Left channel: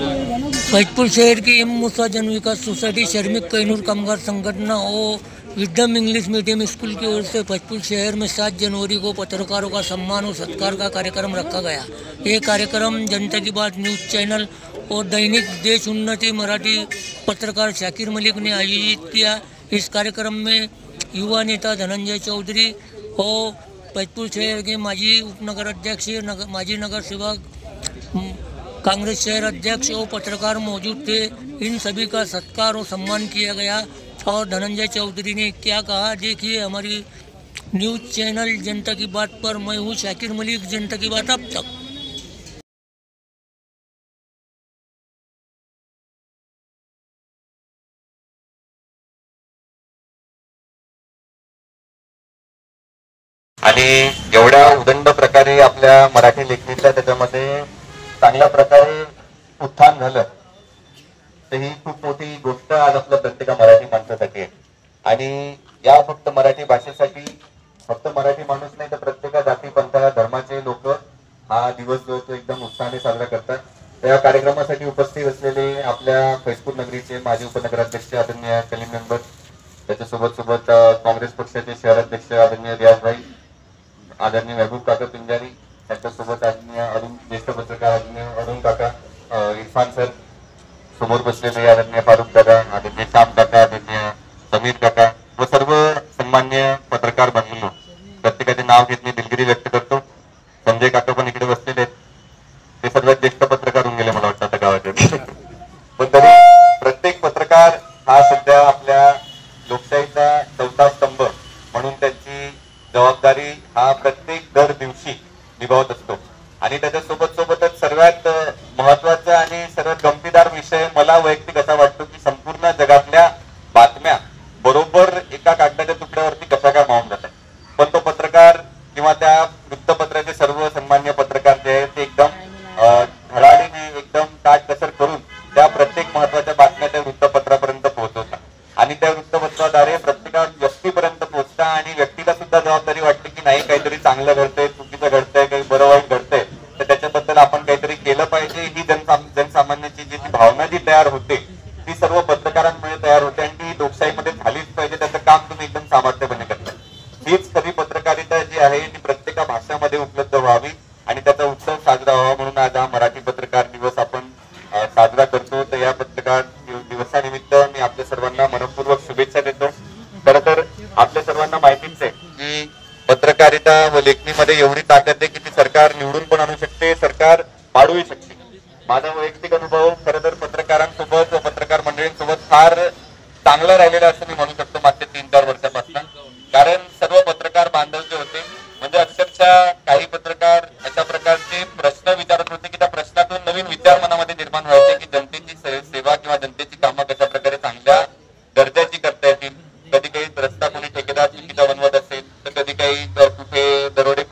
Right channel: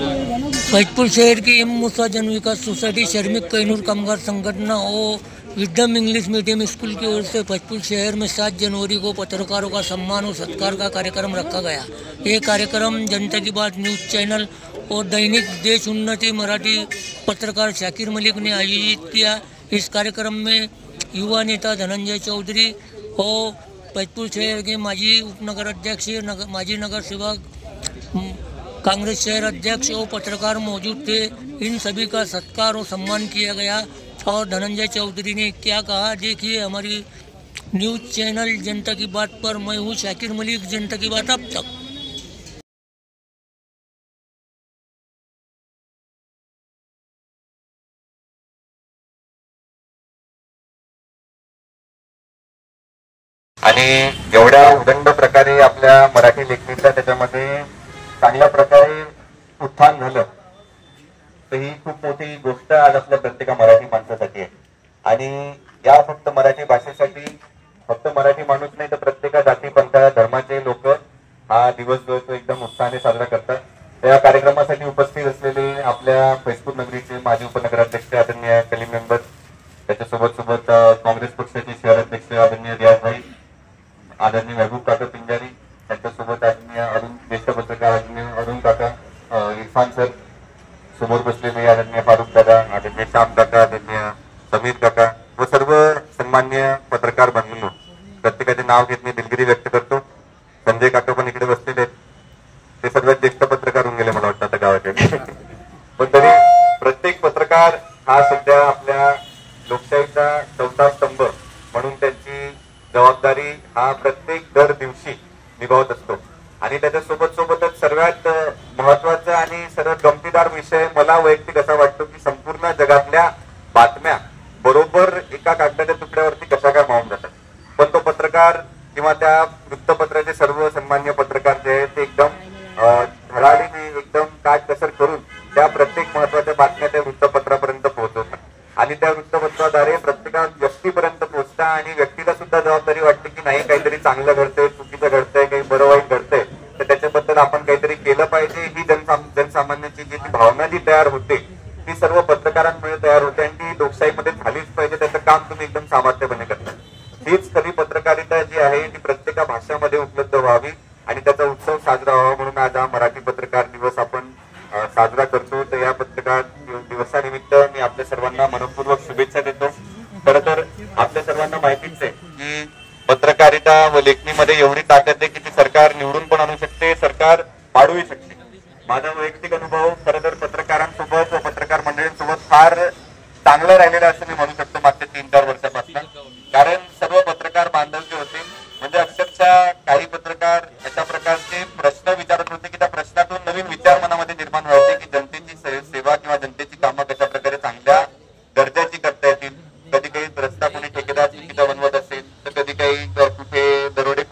फैजपुर शहर की एम मूसा जन विकास सोसाइटी शर्मिक कैनूर कामगार संगठन और विद्यम इंग्लिश मीडियम स्कूल की ओर से फैजपुर शहर में 7 जनवरी को पत्रकारों का सम्मान और सत्कार का कार्यक्रम रखा गया। ये कार्यक्रम जनता की बात न्यूज़ चैनल और दैनिक देश उन्नति मराठी पत्रकार शाकिर मलिक ने आयोजित किया। इस कार्यक्रम में युवा नेता धनंजय चौधरी और फैजपुर शहर के माजी उपनगर अध्यक्ष माजी नगर सेवक कांग्रेस शहर अध्यक्ष और पत्रकार मौजूद थे। इन सभी का सत्कार और सम्मान किया गया। और धनंजय चौधरी ने क्या कहा, देखिए हमारी न्यूज़ चैनल जनता की बात पर। मैं हूँ शाकिर मलिक, जनता की बात अब तक। आणि एवढ्या उदंड प्रकारे आपल्या मराठी लेखणीतल्या त्याच्यामध्ये चांगल्या प्रकारे उत्थान झालं, तर ही खूप मोठी गोष्ट आज आपल्या प्रत्येक मराठी माणसासाठी आहे। आणि या फक्त मराठी भाषेसाठी फक्त मराठी माणूस नाही तर प्रत्येक जाती पंथा धर्माचे लोक हा दिवस जो तो एकदम उत्साहाने साजरा करतात। त्या कार्यक्रमासाठी उपस्थित असलेले आपल्या फैजपूर नगरीचे माजी उपनगराध्यक्ष आदरणीय कलीम मेंबर, त्याच्यासोबत सोबत काँग्रेस पक्षाचे शहर अध्यक्ष आदरणीय रियाजभाई, आदरणीय महबूब काका पिंजारी, त्यांच्यासोबत आदरणीय अरुण ज्येष्ठ पत्रकार आदरणीय अरुण काका, इरफान सर, समोर बसलेले आदरणीय फारुख दादा, आदरणीय श्याम काका, आदरणीय समीर काका व सर्व सन्मान्य पत्रकार बंधूंनो, प्रत्येकाचे नाव घेत मी दिलगिरी व्यक्त करतो। संजय काका पण इकडे बसलेले आहेत, ते सर्वात ज्येष्ठ पत्रकार होऊन गेले मला वाटतं आता गावाचे। पण तरी प्रत्येक पत्रकार हा सध्या आपल्या लोकशाहीचा चौथा स्तंभ म्हणून त्यांची जबाबदारी हा प्रत्येक दर दिवशी निभावत असतो। आणि त्याच्यासोबत सोबतच सर्वात महत्वाचा आणि सर्वात गमतीदार विषय मला वैयक्तिक असा वाटतो की संपूर्ण जगातल्या बातम्या बरोबर एका कागदाच्या तुकड्यावरती कशा काय मावून जातात, पण तो पत्रकार किंवा त्या वृत्तपत्राचे सर्व सन्मान्य पत्रकार जे आहेत ते एकदम धडाडीने एकदम काटकसर करून त्या प्रत्येक महत्वाच्या बातम्या त्या वृत्तपत्रापर्यंत पोहोचवतात। आणि त्या वृत्तपत्राद्वारे प्रत्येका व्यक्तीपर्यंत पोहोचतात आणि व्यक्तीला सुद्धा जबाबदारी वाटते की नाही काहीतरी चांगलं घडतंय, चुकीचं घडतंय, काही बरं वाईट घडतंय, तर त्याच्याबद्दल आपण काहीतरी केलं पाहिजे। ही जनसामान्याची जी भावना जी तयार होते ती सर्व पत्रकारांमुळे तयार होते आणि ती लोकशाहीमध्ये झालीच पाहिजे। त्याचं काम तुम्ही एकदम सामर्थ्यपणे करता। हीच खरी पत्रकारिता जी आहे ती प्रत्येक भाषामध्ये उपलब्ध व्हावी आणि त्याचा उत्सव साजरा व्हावा म्हणून आज हा मराठी पत्रकार दिवस आपण साजरा करतो। तर या पत्रकार दिवसानिमित्त मी आपल्या सर्वांना मनपूर्वक शुभेच्छा देतो। खरं तर आपल्या सर्वांना माहितीच आहे की पत्रकारिता व लेखणीमध्ये एवढी ताकद आहे की ती सरकार निवडून पण आणू शकते, सरकार पाडूही शकते। माझा वैयक्तिक अनुभव खरं तर पत्रकारांसोबत व पत्रकार मंडळींसोबत फार चांगला राहिलेला असं मी म्हणू शकतो मागच्या 3-4 वर्षापासून। कारण सर्व पत्रकार बांधव जे होते म्हणजे अक्षरशः काही पत्रकार अशा प्रकारचे प्रश्न विचारत होते की त्या प्रश्नातून नवीन विचार मनामध्ये निर्माण व्हायचे की जनतेची सेवा किंवा जनतेची कामं कशा प्रकारे चांगल्या दर्जाची करता येतील। कधी काही रस्ता कोणी ठेकेदार चुकीचा बनवत असेल तर कधी काही कुठे दरोडे